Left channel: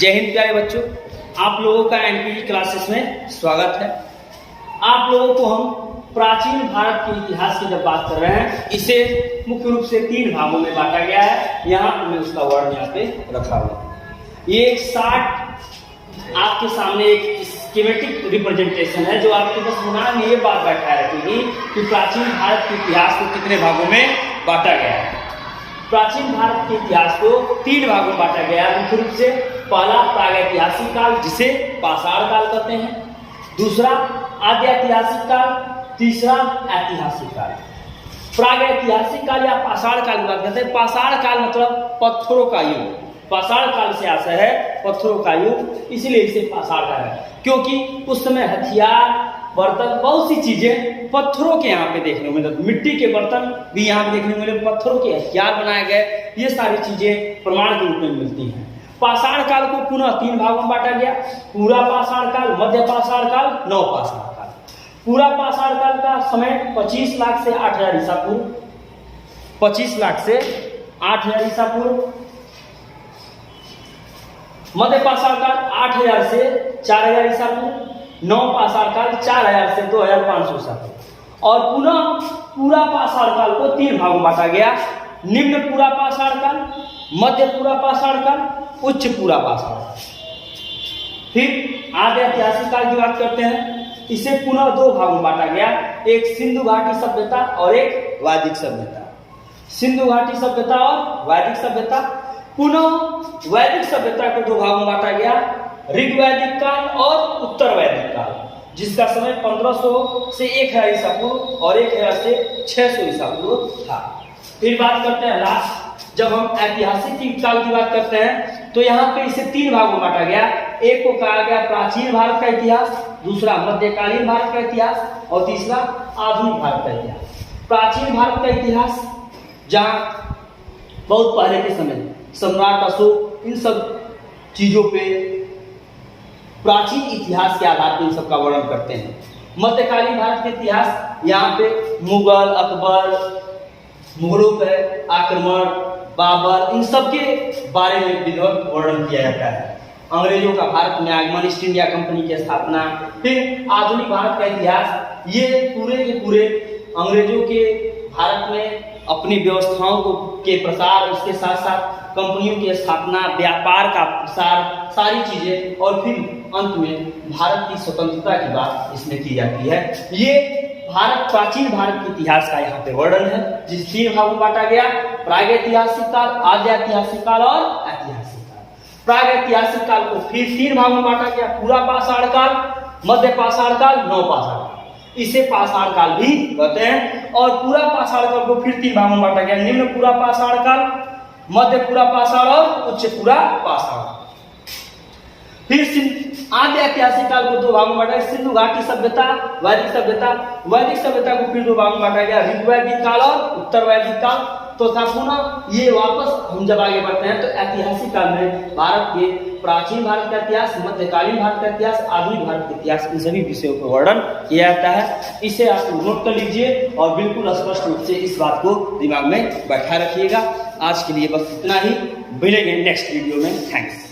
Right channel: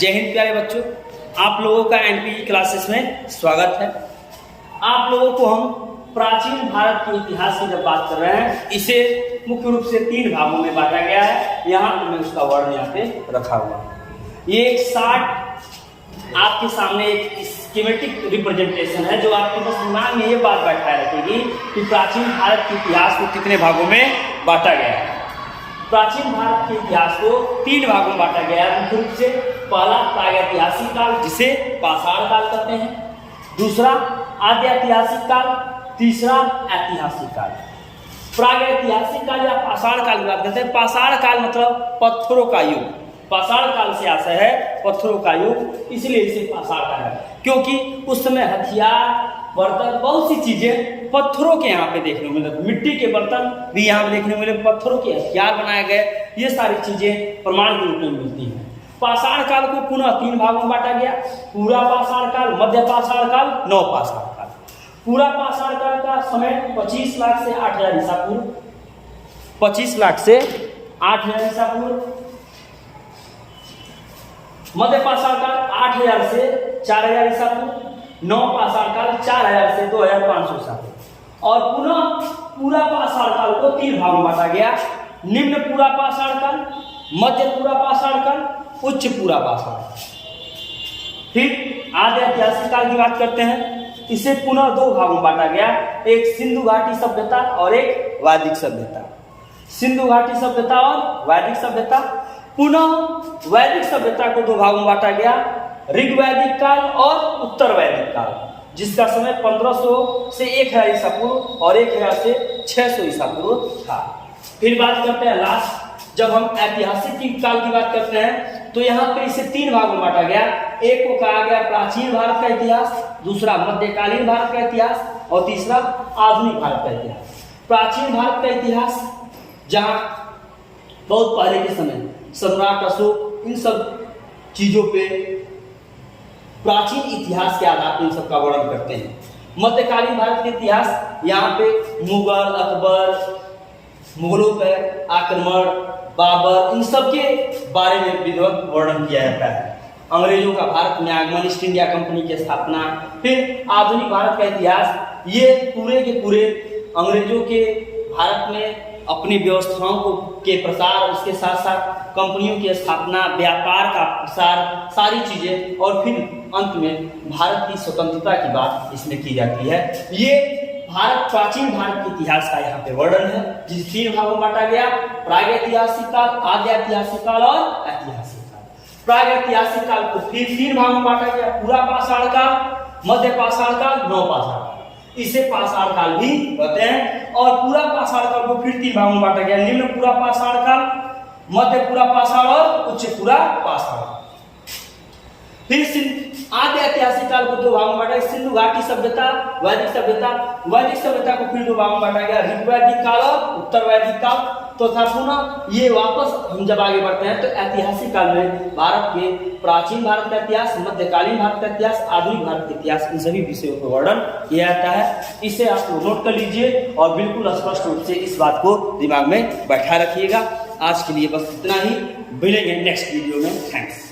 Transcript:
जय हिंद प्यारे बच्चों, आप लोगों का एनपीटी क्लासेस में स्वागत है। आप लोगों को हम प्राचीन भारत के इतिहास की जब बात कर रहे हैं, इसे मुख्य रूप से 3 भागों में बांटा गया है। यहाँ पर मैं उसका वर्ण यहाँ पे रखा हुआ। ये एक 60 आपके सामने एक स्कीमेटिक रिप्रेजेंटेशन है जो आपके बस दिमाग में ये बात बैठाए रखेगी कि प्राचीन भारत के इतिहास को कितने भागों में बांटा गया है। प्राचीन भारत के इतिहास को 3 भागों में बांटा गया है। मुख्य रूप से पहला प्रागैतिहासिक काल, जिसे पाषाण काल कहते हैं, दूसरा आद्यऐतिहासिक काल, तीसरा ऐतिहासिक काल। प्रागैतिहासिक काल या पाषाण काल की बात करते हैं। पाषाण काल मतलब पत्थरों का युग। पाषाण काल से आशय है पत्थरों का युग, इसलिए इसे पाषाण काल है, क्योंकि उस समय हथियार, बर्तन, बहुत सी चीजें पत्थरों के यहाँ पे देखने को मिलते, मिट्टी के बर्तन भी यहाँ पे देखने को मिले, पत्थरों के हथियार बनाए गए, ये सारी चीजें प्रमाण के रूप में मिलती हैं। पाषाण काल को पुनः 3 भागों में बांटा गया, पूरा पाषाण काल, मध्य पाषाण काल, नव पाषाण काल। पूरा पाषाण काल का समय 25 लाख से 8000 ईसा पूर्व, 25 लाख से 8000 ईसा पूर्व। मध्य पाषाण काल 8000 से 4000 ईसा पूर्व। नव पाषाण काल 4000 से 2500 ईसा पूर्व। और पुनः पूरा पाषाण काल को 3 भागों में बांटा गया, निम्न पूरा पाषाण काल, मध्य पूरा पाषाण काल, उच्च पूरा पाषाण काल। फिर आद्य ऐतिहासिक काल की बात करते हैं, इसे पुनः 2 भागों में बांटा गया, एक सिंधु घाटी सभ्यता और एक वैदिक सभ्यता। सिंधु घाटी सभ्यता और वैदिक सभ्यता। पुनः वैदिक सभ्यता को 2 भागों में बांटा गया, ऋग्वैदिक काल और उत्तर वैदिक काल, जिसका समय 1500 से 1000 ईसा पूर्व और 1000 से 600 ईसा पूर्व था। फिर बात करते हैं लास्ट, जब हम ऐतिहासिक काल की बात करते हैं तो यहाँ पे इसे 3 भागों में बांटा गया। एक को कहा गया प्राचीन भारत का इतिहास, दूसरा मध्यकालीन भारत का इतिहास और तीसरा आधुनिक भारत का इतिहास। प्राचीन भारत का इतिहास, जहाँ बहुत पहले के समय सम्राट अशोक इन सब चीजों पे प्राचीन इतिहास के आधार पर इन सब का वर्णन करते हैं। मध्यकालीन भारत के इतिहास, यहाँ पे मुगल, अकबर, मुगलों पे आक्रमण, बाबर, इन सब के बारे में विधिवत वर्णन किया जाता है। अंग्रेजों का भारत में आगमन, ईस्ट इंडिया कंपनी की स्थापना। फिर आधुनिक भारत का इतिहास, ये पूरे के पूरे अंग्रेजों के भारत में अपनी व्यवस्थाओं को के प्रसार, उसके साथ साथ कंपनियों की स्थापना, व्यापार का प्रसार, सारी चीजें, और फिर अंत में भारत की स्वतंत्रता की बात इसमें की जाती है। ये भारत, प्राचीन भारत के इतिहास का यहाँ पे वर्णन है, जिस 3 भागों में बांटा गया, प्रागैतिहासिक काल, आद्यऐतिहासिक काल और ऐतिहासिक काल। प्रागैतिहासिक काल को फिर 3 भागों में बांटा गया, पूरा पाषाण काल, मध्य पाषाण काल, नव पाषाण काल, इसे पाषाण काल भी कहते हैं। और पूरा पाषाण काल को फिर 3 भागों में बांटा गया, निम्न पूरा पाषाण काल, मध्य पूरा पाषाण और उच्च पूरा पाषाण। फिर आद्य ऐतिहासिक काल को 2 भागों में बांटा, सिंधु घाटी सभ्यता, वैदिक सभ्यता। वैदिक सभ्यता को फिर 2 भागों में बांटा गया, ऋग्वैदिक काल और उत्तर वैदिक काल। तो था पुनः ये वापस हम जब आगे बढ़ते हैं तो ऐतिहासिक काल में भारत के प्राचीन भारत का इतिहास, मध्यकालीन भारत का इतिहास, आधुनिक भारत का इतिहास, इन सभी विषयों को वर्णन किया जाता है। इसे आप नोट कर लीजिए और बिल्कुल स्पष्ट रूप से इस बात को दिमाग में बैठा रखिएगा। आज के लिए बस इतना ही, मिलेंगे नेक्स्ट वीडियो में। थैंक्स।